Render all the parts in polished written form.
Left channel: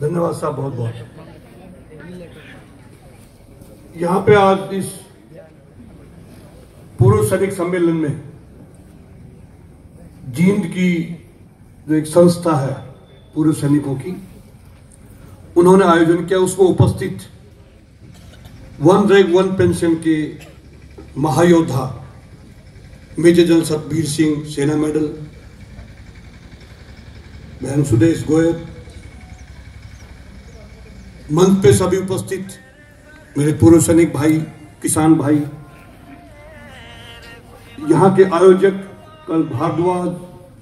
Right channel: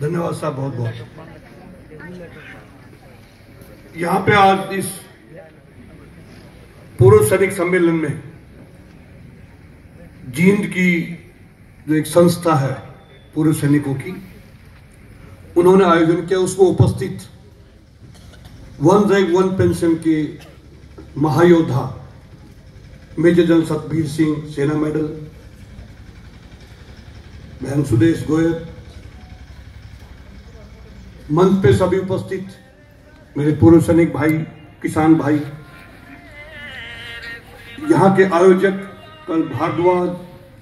धन्यवाद साहब, बहुत बहुत। यहाँ पे आज इस पूर्व सैनिक सम्मेलन में जींद की जो एक संस्था है पूर्व सैनिकों की, उन्होंने आयोजन किया। उसमें उपस्थित वन रैंक वन पेंशन के महायोद्धा मेजर जनरल सतबीर सिंह, सेना मेडल, बहन सुदेश गोयल, मंच पे सभी उपस्थित मेरे पूर्व सैनिक भाई, किसान भाई, यहाँ के आयोजक कल भारद्वाज,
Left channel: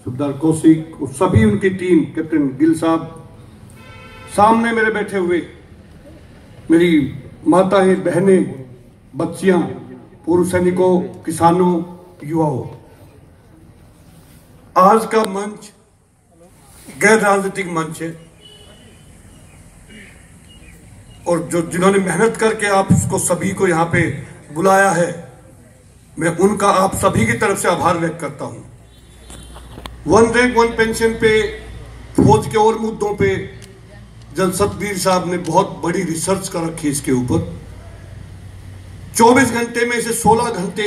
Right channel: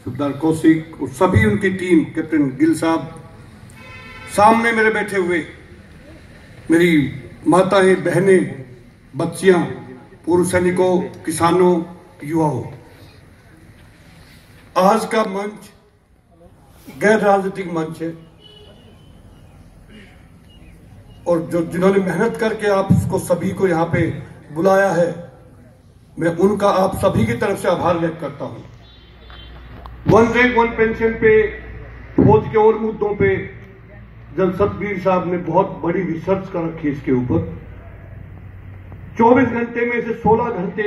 सुबदार कौशिक और सभी उनकी टीम, कैप्टन गिल साहब, सामने मेरे बैठे हुए मेरी माताएं, बहनें, बच्चियां, पूर्व सैनिकों, किसानों, युवाओं। आज का मंच गैर राजनीतिक मंच है और जो जिन्होंने मेहनत करके आप इसको सभी को यहाँ पे बुलाया है, मैं उनका आप सभी की तरफ से आभार व्यक्त करता हूं। वन रैंक वन पेंशन पे, फौज के और मुद्दों पे जनरल सतबीर साहब ने बहुत बड़ी रिसर्च कर रखी है इसके ऊपर। 24 घंटे में से 16 घंटे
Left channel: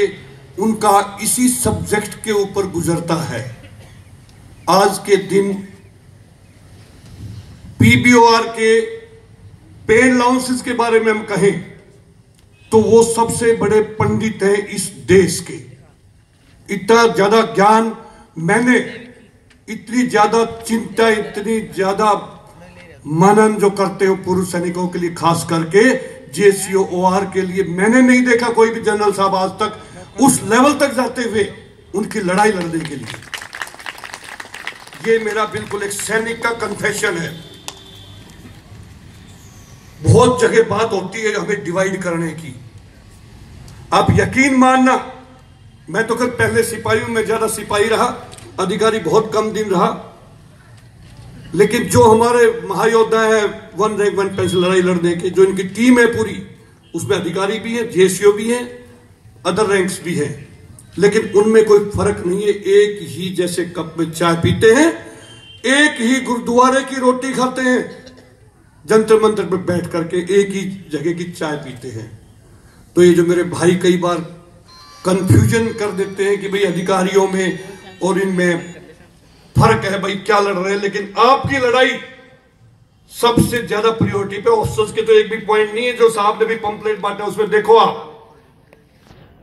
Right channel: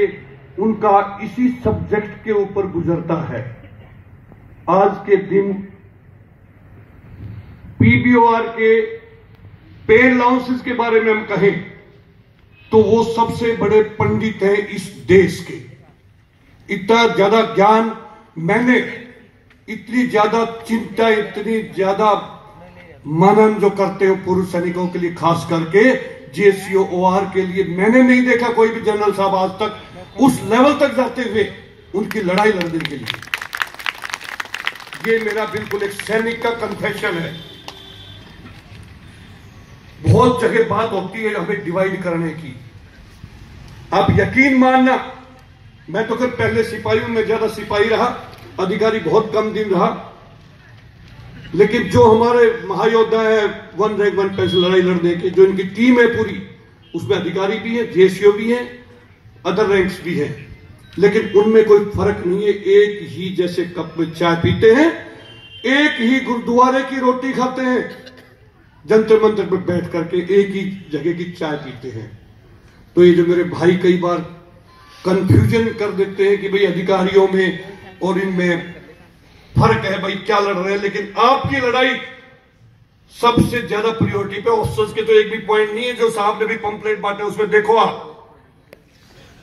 उनका इसी सब्जेक्ट के ऊपर गुजरता है। आज के दिन पीबीओआर के पे अलाउंसेस के बारे में हम कहें तो वो सबसे बड़े पंडित हैं इस देश के। इतना ज्यादा ज्ञान मैंने, इतनी ज्यादा चिंता, इतनी ज्यादा मनन जो करते हो पूर्व सैनिकों के लिए, खास करके जेसीओआर के लिए, मैंने नहीं देखा कोई भी जनरल साहब आज तक उस लेवल तक जाते हुए उनकी लड़ाई लड़ने के लिए। ये मेरा बिल्कुल एक सैनिक का कन्फेशन है। बहुत जगह बात होती है हमें डिवाइड करने की। आप यकीन मानना, मैं तो खैर पहले सिपाही हूं, मैं ज्यादा सिपाही रहा, अधिकारी बहुत कम दिन रहा, लेकिन जो हमारे महायोद्धा है वन रैंक वन पेंशन लड़ाई लड़ने के, जो इनकी टीम है पूरी, उसमें अधिकारी भी हैं, जेसीओ भी हैं, अदर रैंक्स भी हैं, लेकिन उनमें कोई फर्क नहीं है। एक ही जैसे कप में चाय पीते हैं, एक ही गुरुद्वारे की रोटी खाते हैं, जंतर मंतर पर बैठ करके एक ही जगह की चाय पीते हैं। तो ये जो मेरे भाई कई बार कंफ्यूजन कर देते हैं कि भाई अधिकारियों में और इनमें फर्क है, भाई क्या लड़ रहे हैं, लेकिन आपकी लड़ाई सबसे ज्यादा प्रायोरिटी पे। ऑफिसर्स के तो एक भी पॉइंट नहीं है, जो साहब ने भी पंपलेट बांटे उसमें देखो आप,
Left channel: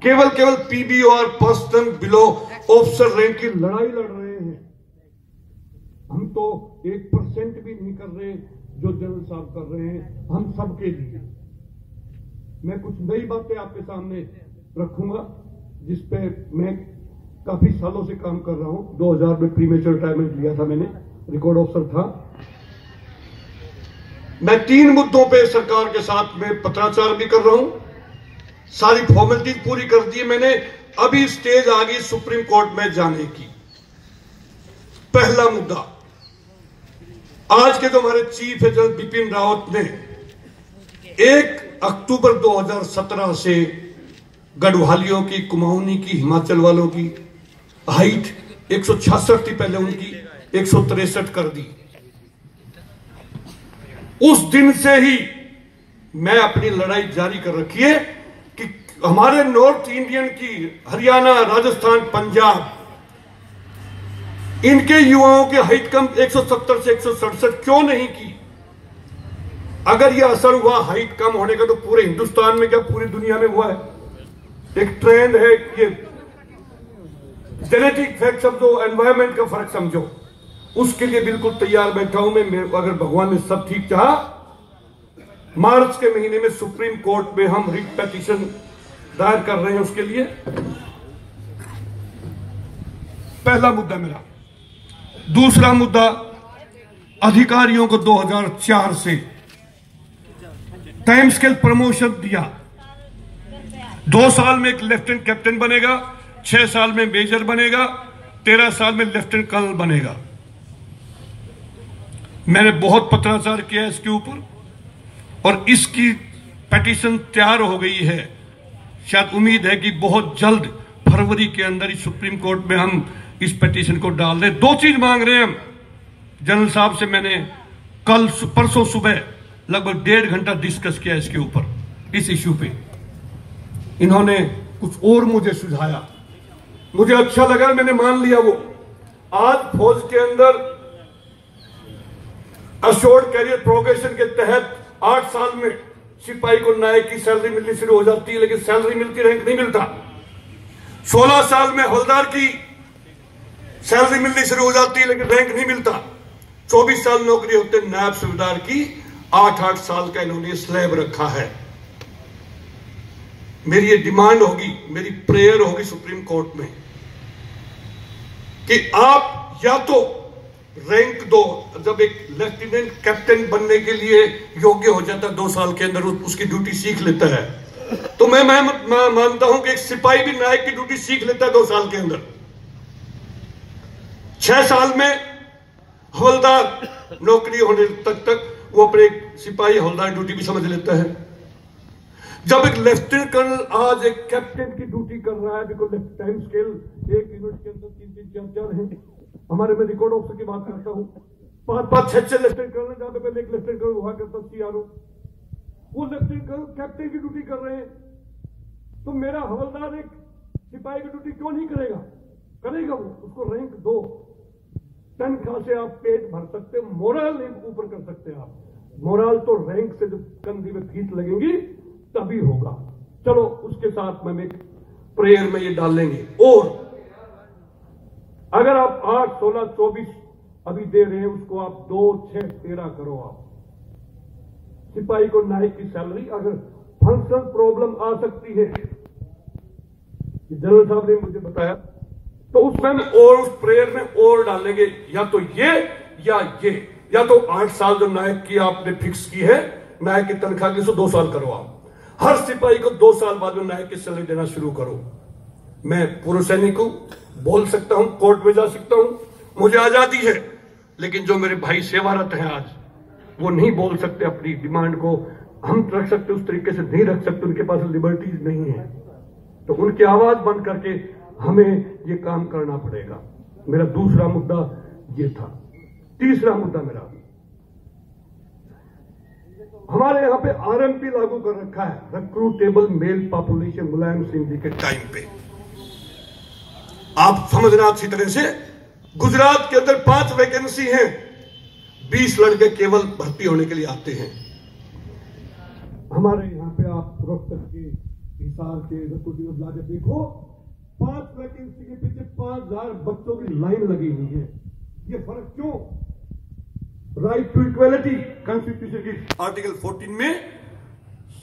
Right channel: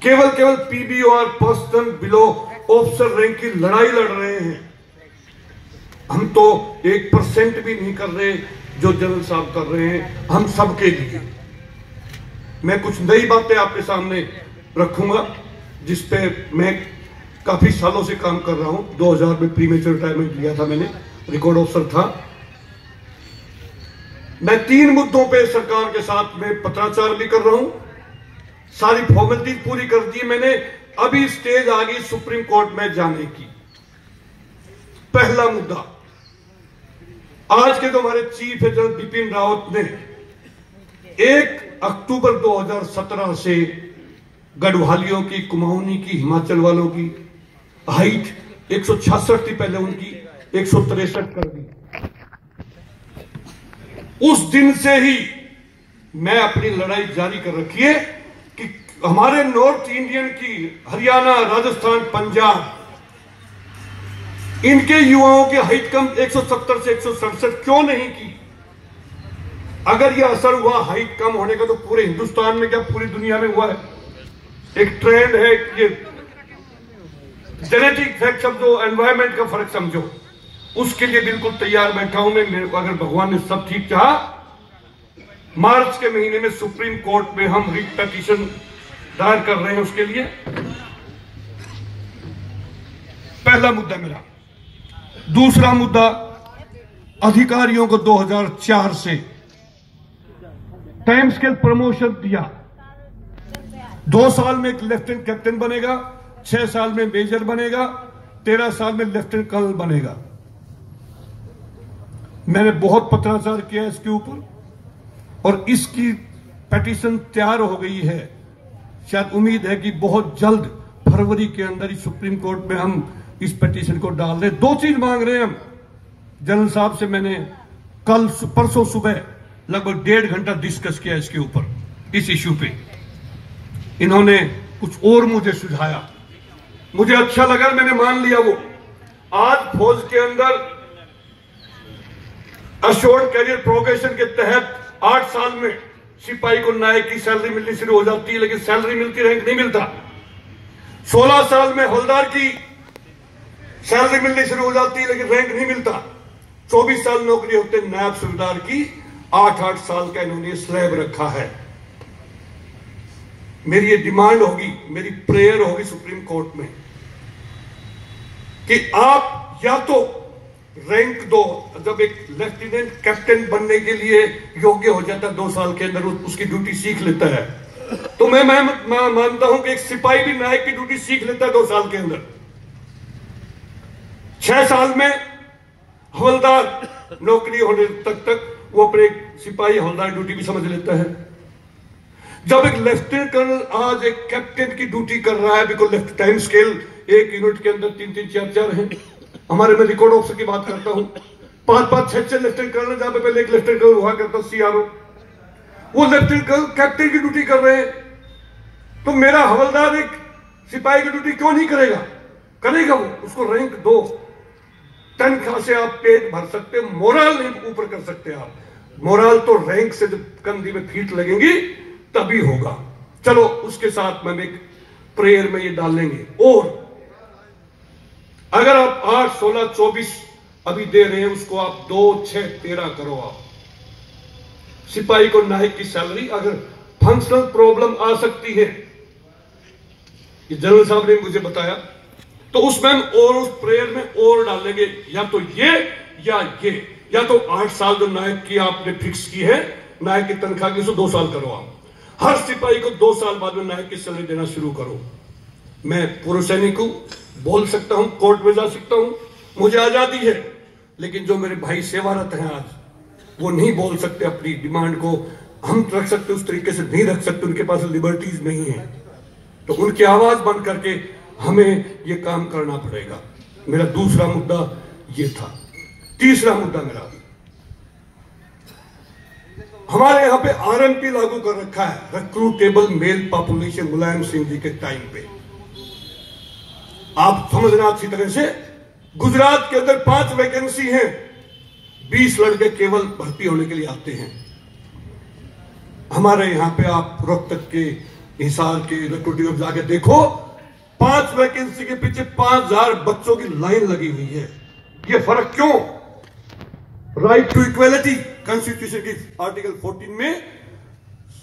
केवल पीबीओआर पर्सन बिलो ऑफिसर रैंक की लड़ाई लड़ रहे हैं। हम तो 1% भी नहीं कर रहे जो जनरल साहब कर रहे हैं हम सबके लिए। मैं कुछ नई बातें आपके सामने रखूंगा जिसपे मैं काफी सालों से काम कर रहा हूं। 2000 में प्रीमेच्योर रिटायरमेंट लिया था मैंने, रिकॉर्ड ऑफिसर था। मैं 3 मुद्दों पे सरकार के साथ में पत्राचार भी कर रहा हूं, सारी फॉर्मेलिटी पूरी कर दी मैंने। अभी स्टेज आ गई सुप्रीम कोर्ट में जाने की। पहला मुद्दा, आज के जो हमारे चीफ है जनरल बिपिन रावत ने 1 अक्टूबर 2017 से गढ़वालियों की, कुमाऊनी की, हिमाचल वालों की हाइट 166 थी पहले, उनकी 163 कर दी। उस दिन से ही मैं अपनी लड़ाई जारी कर रखी है कि हमारे नॉर्थ इंडियन की, हरियाणा, राजस्थान, पंजाब, इनके युवाओं की हाइट कम 170 से 167 क्यों नहीं की? अगर यह असर हुआ हाइट कम होने का तो पूरे हिंदुस्तान में क्या पूरी दुनिया में हुआ है? एक ट्रेंड है, ये जेनेटिक फैक्ट समझो, एनवायरमेंट का फर्क समझो, उसके लिए बिल्कुल तैयार बैठा हूं मैं। मेरे को अगर भगवान ने सब ठीक चाहा, मार्च के महीने में सुप्रीम कोर्ट में हम रिट पिटीशन दायर कर रहे हैं उसके लिए। पहला मुद्दा मेरा। दूसरा मुद्दा, अधिकारियों को 2004 से टाइम स्केल प्रमोशन दिया। 2 साल में एक लेफ्टिनेंट कैप्टन बनेगा, 6 साल में मेजर बनेगा, 13 साल में लेफ्टिनेंट कर्नल बनेगा। मैंने बहुत पत्राचार किया इसके ऊपर और इसकी पिटीशन तैयार हो गई है। शायद उम्मीद है कि बहुत जल्द फरवरी के अंदर ही सुप्रीम कोर्ट में हम इस पिटीशन को डाल दें। 2 चीज मांग रहे हैं हम जनरल साहब से। मैंने परसों सुबह लगभग 1.5 घंटा डिस्कस किया इसके ऊपर, इस इश्यू पे। इन्होंने कुछ और मुझे सुझाया, मुझे अच्छा लगा, मैंने मान लिया वो। आज फौज के अंदर अश्योर्ड कैरियर प्रोग्रेशन के तहत 8 साल में सिपाही को नायक की सैलरी मिलनी शुरू हो जाती है, लेकिन सैलरी मिलती, रैंक नहीं मिलता। 16 साल में हवलदार की सैलरी मिलनी शुरू हो जाती है, लेकिन रैंक नहीं मिलता। 24 साल नौकरी होते नायब सूबेदार की, 8-8 साल का इन्होंने स्लैब रखा है। मेरी ये डिमांड होगी, मेरी प्रेयर होगी सुप्रीम कोर्ट में कि आप या तो रैंक दो। जब एक लेफ्टिनेंट कैप्टन बनने के लिए योग्य हो जाता है 2 साल के अंदर, उसकी ड्यूटी सीख लेता है, तो मैं मानता हूं कि एक सिपाही भी नायक की ड्यूटी सीख लेता है 2 साल के अंदर। 6 साल में हवलदार नौकरी होने तक वो अपने सिपाही हवलदार ड्यूटी भी समझ लेता है। जब एक लेफ्टिनेंट कर्नल आज एक कैप्टन की ड्यूटी कर रहा है, बिकॉज लेफ्ट टाइम स्केल एक यूनिट के अंदर 3-3, 4-4 है। हमारे में रिकॉर्ड ऑफिसर की बात करता हूं, 5-5, 6 लेफ्टिनेंट कर्नल, जहां पे पहले एक लेफ्टिनेंट कर्नल हुआ करता सीआरओ, वो लेफ्टिनेंट कर्नल कैप्टन की ड्यूटी कर रहे हैं। तो मेरा हवलदार एक सिपाही की ड्यूटी क्यों नहीं करेगा? करेगा वो। उसको रैंक दो, तनख्वाह से आप पेट भर सकते, मोरल नहीं ऊपर कर सकते आप। मोरल तो रैंक से जब कंधी में फीट लगेंगी तभी होगा। चलो उसके साथ में एक प्रेयर में ये डाल लेंगे। और अगर आप 8, 16, 24 अभी दे रहे हैं, उसको आप 2, 6, 13 करो। आप सिपाही को नायक की सैलरी, अगर फंक्शनल प्रॉब्लम आ सकती है, ये जनरल साहब ने मुझे बताया, तो उसमें हम और उस प्रेयर में और डालेंगे, या तो ये या तो 8 साल जो नायक की आपने फिक्स की है, नायक की तनख्वाह की, 2 साल करो आप। हर सिपाही को 2 साल बाद में नायक की सैलरी देना शुरू करो। मैं पूर्व सैनिक हूं, बोल सकता हूं, कोर्ट में जा सकता हूं, मुझे आजादी है, लेकिन जो मेरे भाई सेवारत हैं आज, वो नहीं बोल सकते अपनी डिमांड को। हम रख सकते उस तरीके से नहीं रख सकते, उनके पास लिबर्टीज नहीं है, तो उनकी आवाज बंद करके हमें ये काम करना पड़ेगा। मेरा दूसरा मुद्दा ये था। तीसरा मुद्दा मेरा, हमारे यहां पे आरएमपी लागू कर रखा है, recruitable mail population, Mulayam Singh ji के टाइम पे। आप समझना अच्छी तरह से, गुजरात के अंदर 5 वैकेंसी हैं, 20 लड़के केवल भर्ती होने के लिए आते हैं। हमारे यहां पे आप रोहतक के, हिसार के रिक्रूटिंग जाके देखो, 5 वैकेंसी के पीछे 5000 बच्चों की लाइन लगी हुई है। ये फर्क क्यों? राइट टू इक्वेलिटी, कॉन्स्टिट्यूशन की आर्टिकल 14 में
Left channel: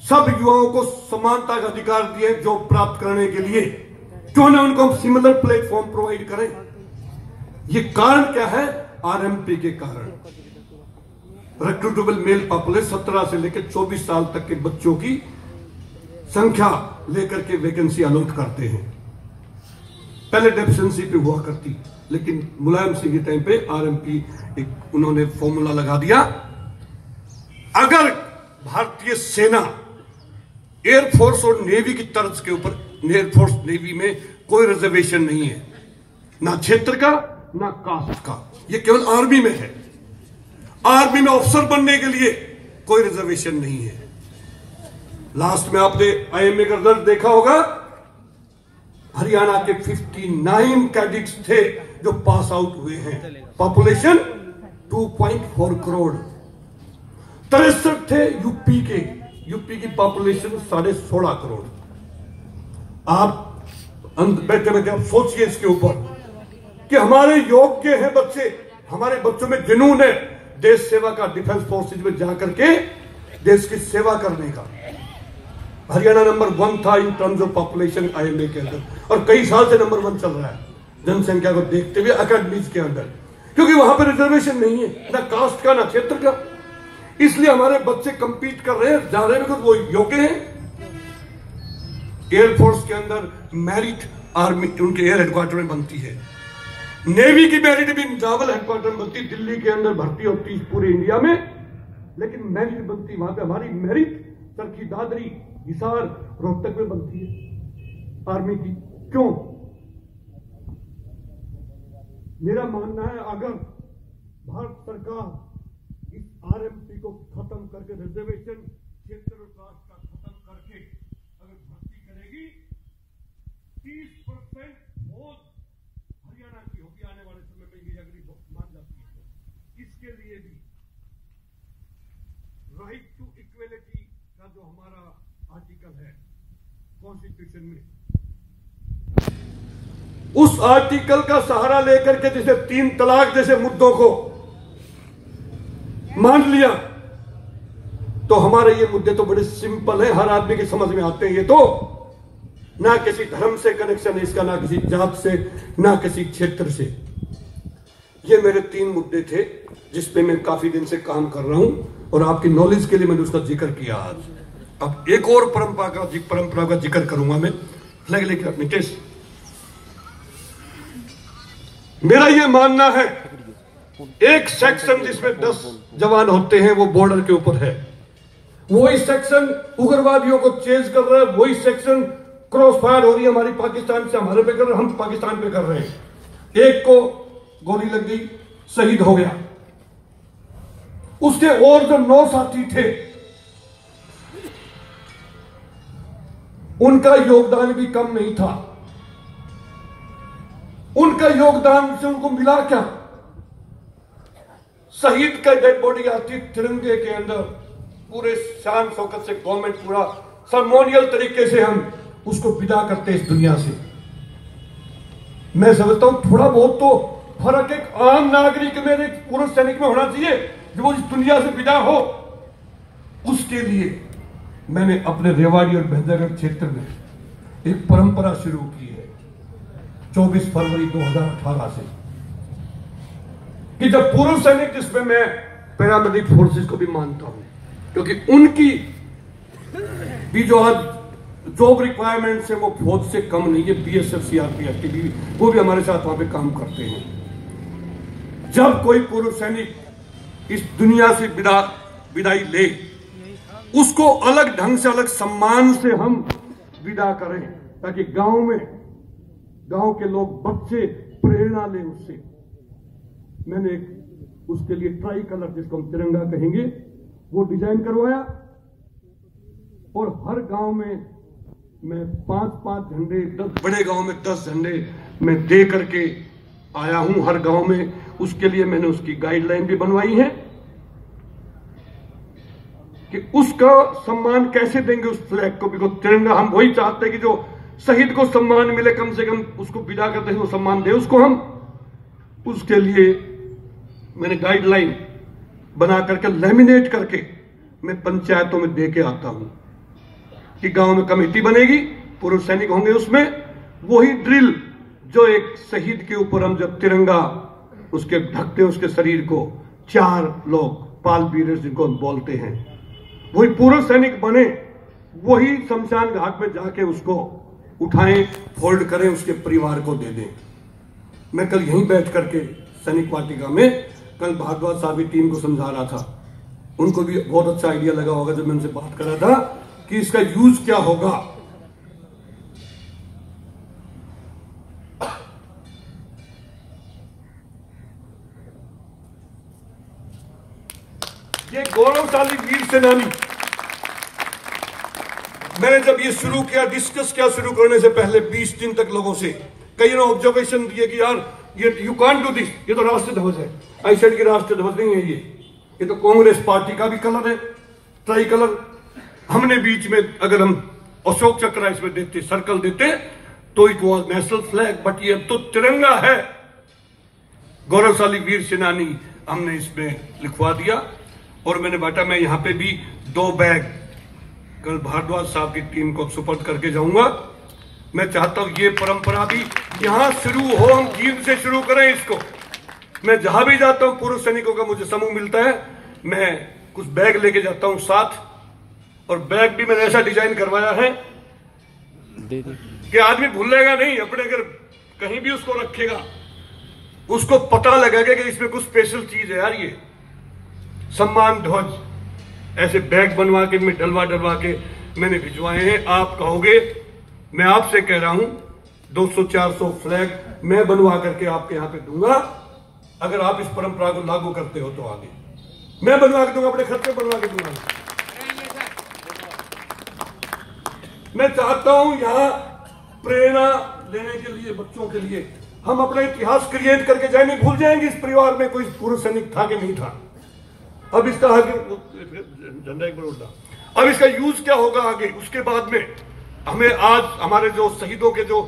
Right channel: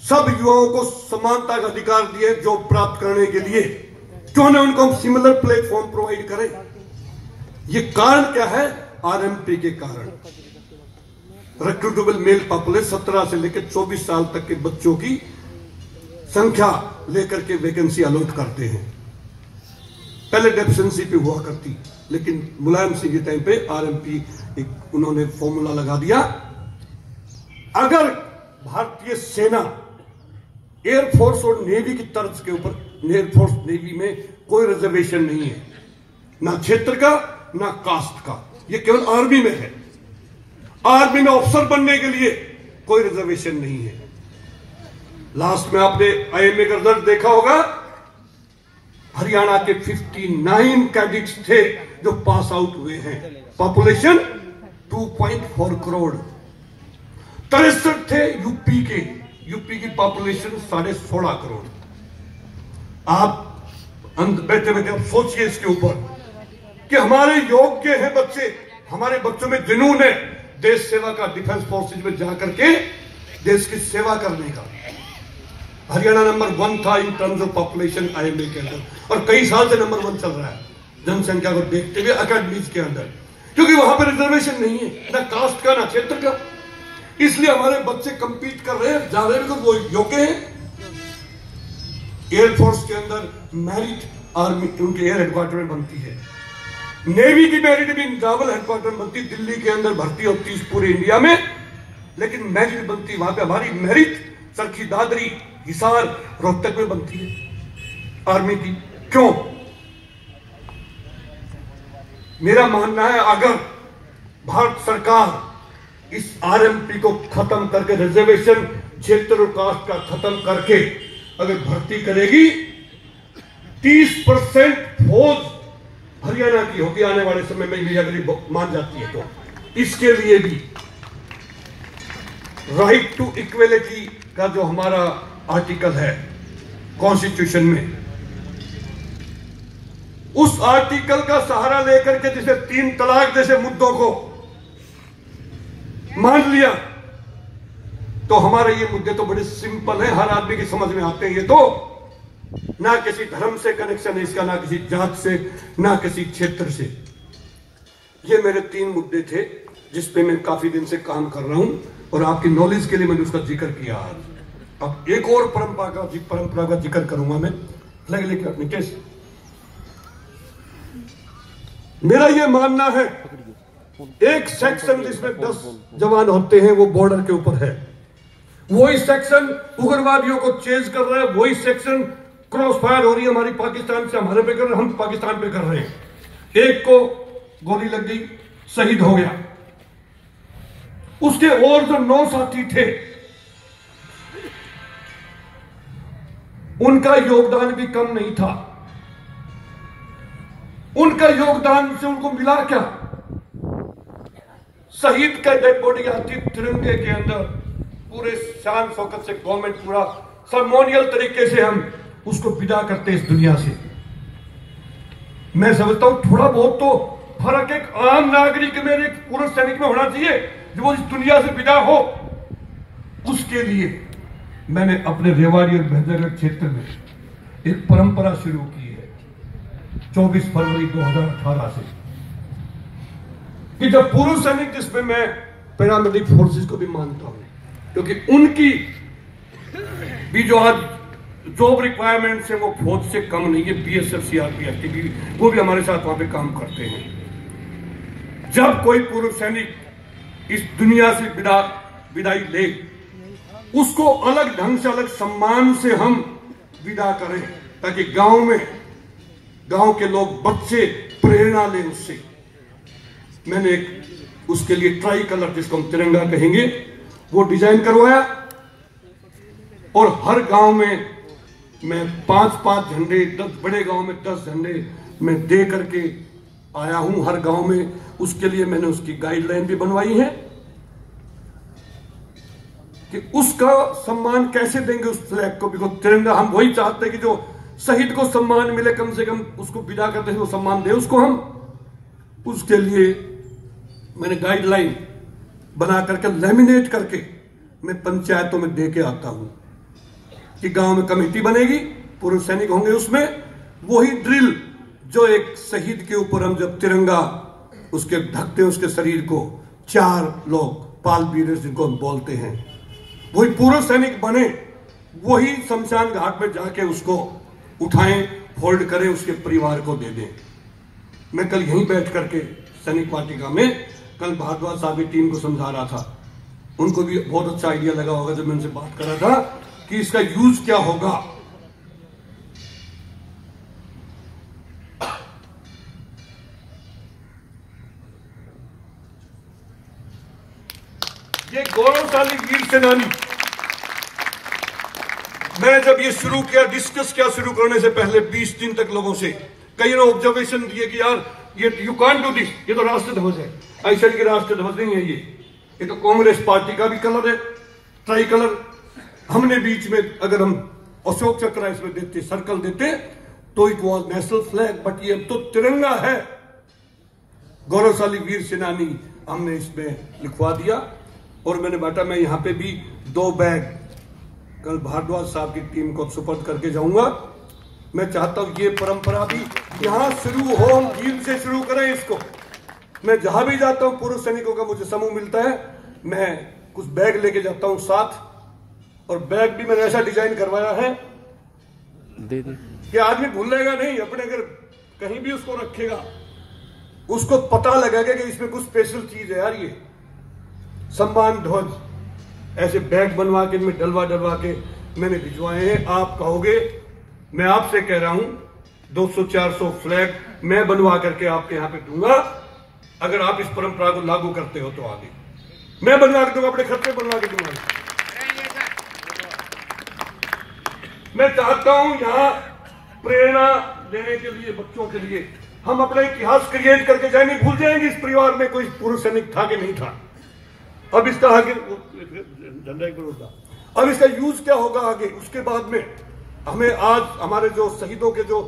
सब युवाओं को समानता का अधिकार दिए जॉब प्राप्त करने के लिए। क्यों ना उनको हम सिमिलर प्लेटफॉर्म प्रोवाइड करें? ये कारण क्या है? आरएमपी के कारण। रिक्रूटेबल मेल पॉपुलेशन 17 से लेकर 24 साल तक के बच्चों की संख्या लेकर के वैकेंसी अलॉट करते हैं। पहले डेफिशिएंसी पे हुआ करती, लेकिन मुलायम सिंह के टाइम पे आरएमपी एक उन्होंने फॉर्मूला लगा दिया। अगर भारतीय सेना, एयरफोर्स और नेवी की तर्ज के ऊपर, एयरफोर्स नेवी में कोई रिजर्वेशन नहीं है, ना क्षेत्र का ना कास्ट का, ये केवल आर्मी में है। आर्मी में ऑफिसर बनने के लिए कोई रिजर्वेशन नहीं है। लास्ट में आपने आईएमए का रिजल्ट देखा होगा, हरियाणा के 59 कैडेट्स थे जो पास आउट हुए हैं। पॉपुलेशन 2.4 करोड़। 63 थे यूपी के, यूपी की पॉपुलेशन 16.5 करोड़। आप बैठे बैठे आप सोचिए इसके ऊपर कि हमारे योग्य हैं बच्चे, हमारे बच्चों में जुनून है देश सेवा का, डिफेंस फोर्सेज में जाकर के देश की सेवा करने का। हरियाणा नंबर 1 था in terms of population IMA के अंदर, और कई साल से नंबर 1 चल रहा है जनसंख्या को देखते हुए अकेडमीज के अंदर, क्योंकि वहां पर रिजर्वेशन नहीं है, ना कास्ट का ना क्षेत्र का। इसलिए हमारे बच्चे कंपीट कर रहे हैं, जा रहे हैं, वो योग्य हैं। एयरफोर्स के अंदर मेरिट आर्मी उनके एयर हेडक्वार्टर में बनती है, नेवी की मेरिट भी नावल हेडक्वार्टर में बनती, दिल्ली के अंदर भर्ती होती है पूरे इंडिया में, लेकिन मेरिट बनती वहां पे। हमारी मेरिट चरखी दादरी, हिसार, रोहतक में बनती है आर्मी की। क्यों? मेरा मानना है अगर भारत सरकार इस आरएमपी को खत्म करके, रिजर्वेशन क्षेत्र और कास्ट का खत्म करके अगर भर्ती करेगी, 30% फौज हरियाणा की होगी आने वाले समय में, ये अगर मान जाती है तो। इसके लिए भी राइट टू इक्वेलिटी का जो हमारा आर्टिकल है कॉन्स्टिट्यूशन में, उस आर्टिकल का सहारा लेकर के जैसे 3 तलाक जैसे मुद्दों को मान लिया, तो हमारे ये मुद्दे तो बड़े सिंपल हैं, हर आदमी की समझ में आते हैं। ये तो ना किसी धर्म से कनेक्शन है इसका, ना किसी जात से, ना किसी क्षेत्र से। ये मेरे 3 मुद्दे थे जिस पे मैं काफी दिन से काम कर रहा हूं, और आपकी नॉलेज के लिए मैंने उसका जिक्र किया आज। अब एक और परंपरा का जिक्र करूंगा मैं, फ्लैग लेके अपनी टेस्ट। मेरा ये मानना है, एक सेक्शन जिसमें 10 जवान होते हैं वो बॉर्डर के ऊपर है, वही सेक्शन उग्रवादियों को चेज कर रहा है, वही सेक्शन क्रॉस फायर हो रही है हमारी पाकिस्तान से हमारे पे कर रहे हैं, हम पाकिस्तान पे कर रहे हैं। एक को गोली लग गई, शहीद हो गया, उसके और जो 9 साथी थे उनका योगदान भी कम नहीं था। उनका योगदान से उनको मिला क्या? शहीद का डेड बॉडी आती तिरंगे के अंदर, पूरे शान शौकत से गवर्नमेंट पूरा सर्मोनियल तरीके से हम उसको विदा करते इस दुनिया से। मैं समझता हूं थोड़ा बहुत तो फर्क एक आम नागरिक में, एक पूर्व सैनिक में होना चाहिए जो वो इस दुनिया से विदा हो। उसके लिए मैंने अपने रेवाड़ी और महेंद्रगढ़ क्षेत्र में एक परंपरा शुरू की है 24 फरवरी 2018 से, कि जब पूर्व सैनिक, जिसमें मैं पैरामिलिट्री फोर्सेस को भी मानता हूं, क्योंकि उनकी भी जो आज जॉब रिक्वायरमेंट्स है वो फौज से कम नहीं है, बीएसएफ सीआरपीएफ की भी, वो भी हमारे साथ वहां पे काम करते हैं। जब कोई पूर्व सैनिक इस दुनिया से विदाई ले, उसको अलग ढंग से, अलग सम्मान से हम विदा करें, ताकि गांव के लोग, बच्चे प्रेरणा लें उससे। मैंने उसके लिए ट्राई कलर, जिसको हम तिरंगा कहेंगे, वो डिजाइन करवाया, और हर गांव में मैं 5-5 झंडे, 10 बड़े गांव में 10 झंडे मैं दे करके आया हूं हर गांव में। उसके लिए मैंने उसकी गाइडलाइन भी बनवाई है कि उसका सम्मान कैसे देंगे उस फ्लैग को, बिकॉज तिरंगा, हम वही चाहते हैं कि जो शहीद को सम्मान मिले, कम से कम उसको विदा करते हैं वो सम्मान दे उसको हम। उसके लिए मैंने गाइडलाइन बना करके, लैमिनेट करके मैं पंचायतों में दे के आता हूं कि गांव में कमेटी बनेगी, पूर्व सैनिक होंगे उसमें, वही ड्रिल जो एक शहीद के ऊपर हम जब तिरंगा उसके ढकते हैं उसके शरीर को, 4 लोग पाल बीरर्स जिनको हम बोलते हैं, वही पूर्व सैनिक बने, वही शमशान घाट में जाके उसको उठाएं, होल्ड करें, उसके परिवार को दे दें। मैं कल यहीं बैठ करके सैनिक वाटिका में कल भारद्वाज साहब की टीम को समझा रहा था, उनको भी बहुत अच्छा आइडिया लगा होगा जब मैं उनसे बात कर रहा था कि इसका यूज क्या होगा। ये गौरवशाली वीर सेनानी, मैं जब ये शुरू किया, डिस्कस किया शुरू करने से पहले 20 दिन तक लोगों से, कई ने ऑब्जर्वेशन दिए कि यार ये यू कांट डू दिस, ये तो राष्ट्र ध्वज है। ऐसा की राष्ट्र ध्वज नहीं है, ये तो कांग्रेस पार्टी का भी कलर है, ट्राई कलर। हमने बीच में अगर हम अशोक चक्र इसमें देते, सर्कल देते, तो it was national flag, but ये तो तिरंगा है। गौरवशाली वीर सेनानी हमने इसमें लिखवा दिया, और मैंने बांटा। मैं यहां पे भी 2 बैग कल भारद्वाज साहब की टीम को सुपर्द करके जाऊंगा। मैं चाहता हूं ये परंपरा भी यहां शुरू हो, हम जींद से शुरू करें इसको। मैं जहां भी जाता हूं, पूर्व सैनिकों का मुझे समूह मिलता है, मैं कुछ बैग लेके जाता हूं साथ, और बैग भी मैंने ऐसा डिजाइन करवाया है कि आदमी भूलेगा नहीं, अपने अगर कहीं भी उसको रखेगा, उसको पता लगेगा कि इसमें कुछ स्पेशल चीज है यार। ये सम्मान ध्वज ऐसे बैग बनवा के, मैं डलवा के मैंने भिजवाए हैं। आप कहोगे, मैं आपसे कह रहा हूं 200-400 फ्लैग मैं बनवा करके आपके यहां पे दूंगा, अगर आप इस परंपरा को लागू करते हो तो आगे। मैं बनवा के दूंगा, अपने खर्च पे बनवा के दूंगा। मैं चाहता हूं यहां प्रेरणा देने के लिए, बच्चों के लिए हम अपना इतिहास क्रिएट करके जाए, नहीं भूल जाएंगे इस परिवार में कोई पूर्व सैनिक था कि नहीं था। अब इसका आगे झंडा एक बार उड़ा, अब इसका यूज क्या होगा आगे, उसके बाद में हमें आज हमारे जो शहीदों के जो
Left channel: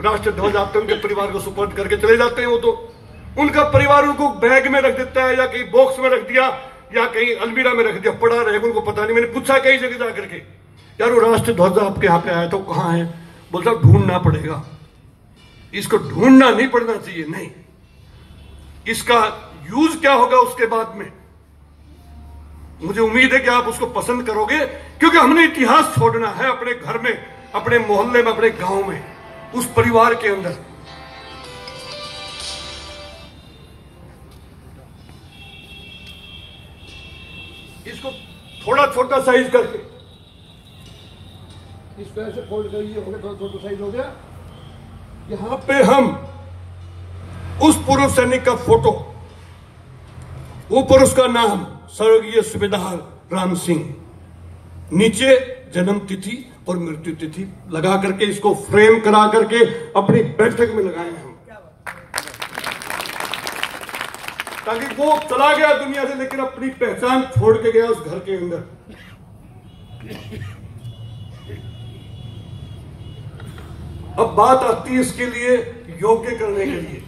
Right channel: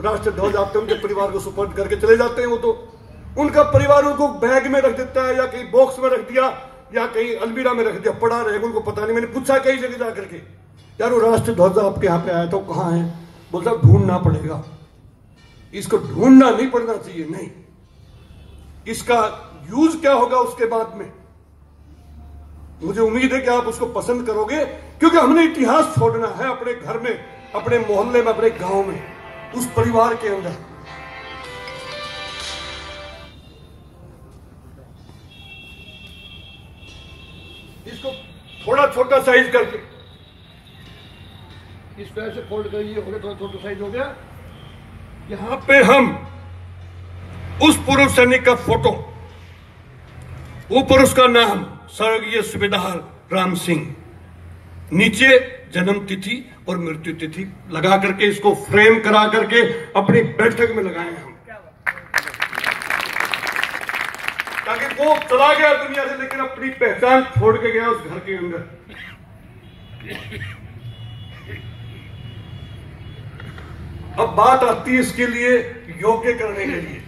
राष्ट्र ध्वज आते हैं उनके परिवार को सुपर्द करके चले जाते हैं, वो तो उनका परिवार उनको बैग में रख देता है या कहीं बॉक्स में रख दिया या कहीं अलमीरा में रख दिया, पड़ा रहेगा, उनको पता नहीं। मैंने पूछा कई जगह जाकर के, यार वो राष्ट्र ध्वज आपके यहाँ पे आया तो कहाँ है? बोलता ढूंढना पड़ेगा। इसको ढूंढना नहीं पड़ना चाहिए, नहीं, इसका यूज क्या होगा उसके बाद में मुझे उम्मीद है कि आप उसको पसंद करोगे, क्योंकि हमने इतिहास छोड़ना है अपने घर में, अपने मोहल्ले में, अपने गांव में, उस परिवार के अंदर। इसको थोड़ा छोटा साइज करके इसको ऐसे फोल्ड करिए, हो गया, थोड़ा छोटा साइज हो गया। यहां पे हम उस पूर्व सैनिक का फोटो, ऊपर उसका नाम स्वर्गीय सूबेदार राम सिंह, नीचे जन्म तिथि और मृत्यु तिथि लगा करके इसको फ्रेम करा करके अपनी बैठक में लगाए हम, ताकि वो चला गया दुनिया से लेकिन अपनी पहचान छोड़ के गया उस घर के अंदर। अब बात आती है इसके लिए योग्य करने के लिए।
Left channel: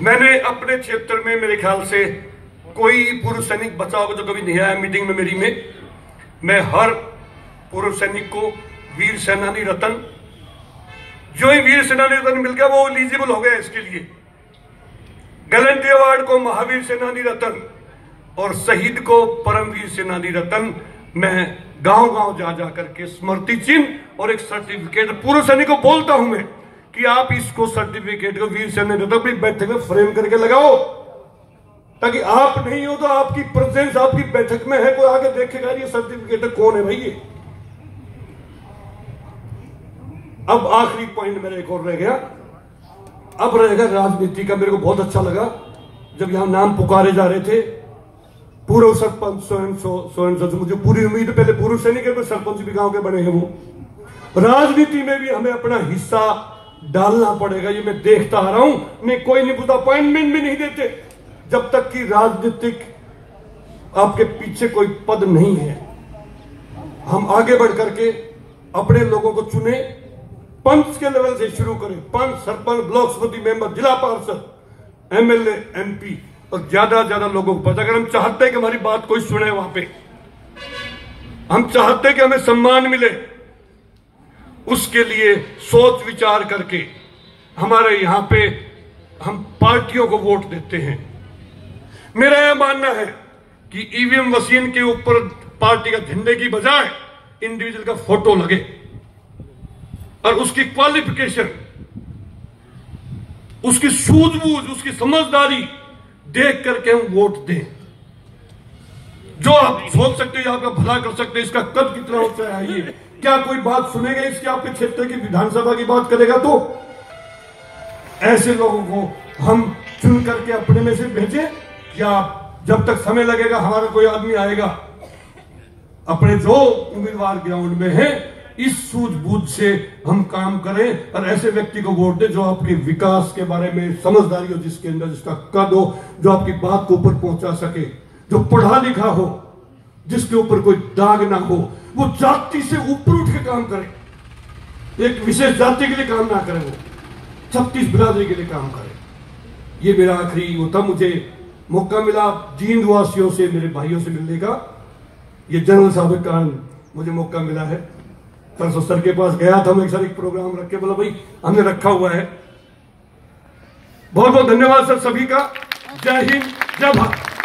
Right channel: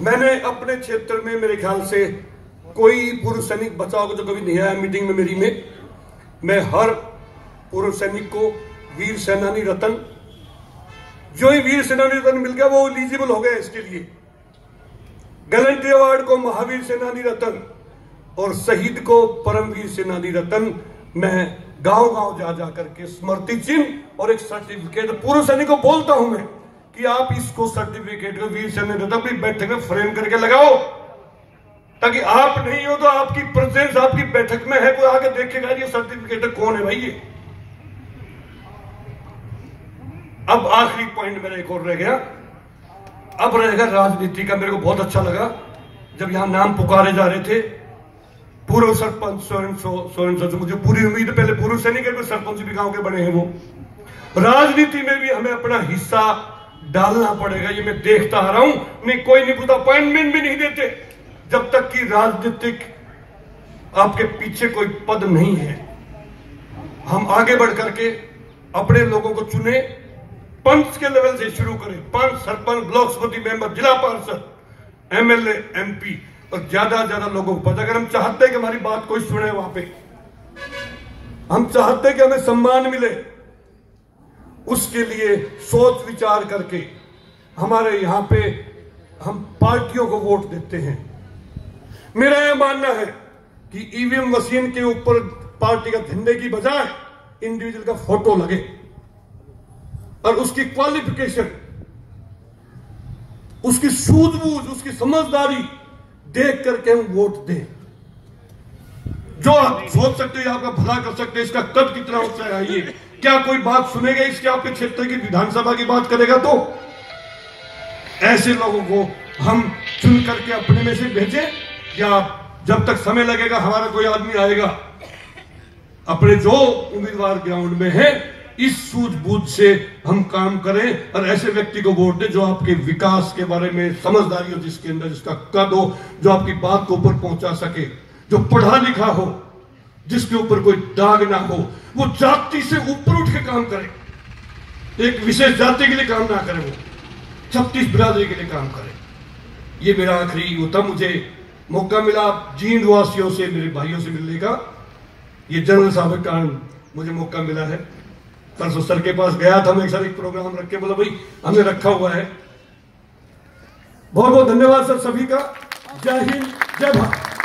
मैंने अपने क्षेत्र में मेरे ख्याल से कोई पूर्व सैनिक बचा होगा जो कभी नहीं आया मीटिंग में मेरी में, मैं हर पूर्व सैनिक को वीर सेनानी रत्न, जो ही वीर सेनानी रत्न मिल गया वो एलिजिबल हो गया इसके लिए। गैलेंट्री अवार्ड को महावीर सेनानी रत्न और शहीद को परमवीर सेनानी रत्न मैं गांव गांव जा जा करके स्मृति चिन्ह और एक सर्टिफिकेट पूर्व सैनिक को बोलता हूं मैं कि आप इसको सर्टिफिकेट को वीर सेनानी रत्न अपनी बैठक में फ्रेम करके लगाओ, ताकि आप नहीं हो तो आपकी प्रेजेंस आपकी बैठक में है, कोई आगे देखेगा ये सर्टिफिकेट कौन है भाई ये। अब आखिरी पॉइंट मेरा एक और रह गया, अब रहेगा राजनीति का। मेरे को बहुत अच्छा लगा जब यहां नाम पुकारे जा रहे थे, पूर्व सरपंच स्वयं, मुझे पूरी उम्मीद, पहले पूर्व सैनिक है, सरपंच भी गांव के बड़े हैं वो। राजनीति में भी हमें अपना हिस्सा डालना पड़ेगा, ये मैं देखता आ रहा हूं। नहीं कोई नहीं पूछता, अपॉइंटमेंट भी नहीं देते जब तक कि राजनीतिक आपके पीछे कोई पद नहीं है। हम आगे बढ़ करके अपने लोगों को चुने, पंच के लेवल से शुरू करें, पंच, सरपंच, ब्लॉक समिति मेंबर, जिला पार्षद, एमएलए, एमपी, और ज्यादा ज्यादा लोगों को पता। अगर हम चाहते हैं कि हमारी बात कोई सुने वहां पे, हम चाहते हैं कि हमें सम्मान मिले, उसके लिए सोच विचार करके हमारे यहां पे हम पार्टियों को वोट देते हैं। मेरा यह मानना है कि ईवीएम मशीन के ऊपर पार्टी का झंडे की बजाय इंडिविजुअल का फोटो लगे और उसकी क्वालिफिकेशन, उसकी सूझबूझ, उसकी समझदारी देख करके हम वोट दें। जो आप सोच सकते हैं, आपका भला कर सकते हैं, इसका कद कितना ऊंचा है, ये क्या कोई बात सुनेगा इसके, आपके क्षेत्र की विधानसभा की बात करेगा? तो ऐसे लोगों को हम चुन करके अपने में से भेजें, या जब तक समय लगेगा हमारा कोई आदमी आएगा, अपने जो उम्मीदवार ग्राउंड में है इस सूझबूझ से हम काम करें और ऐसे व्यक्ति को वोट दें जो आपके विकास के बारे में समझदारी हो, जिसके अंदर जिसका कद हो, जो आपकी बात को ऊपर पहुंचा सके, जो पढ़ा लिखा हो, जिसके ऊपर कोई दाग ना हो, वो जाति से ऊपर उठ के काम करे, एक विशेष जाति के लिए काम ना करे, वो 36 बिरादरी के लिए काम करे। ये मेरा आखिरी वो था। मुझे मौका मिला जींद वासियों से, मेरे भाइयों से मिलने का, ये जनरल साहब के कारण मुझे मौका मिला है। परसों सर के पास गया था, मैं एक प्रोग्राम रख के बोला भाई हमने रखा हुआ है। बहुत बहुत धन्यवाद सर सभी का। जय हिंद, जय भारत।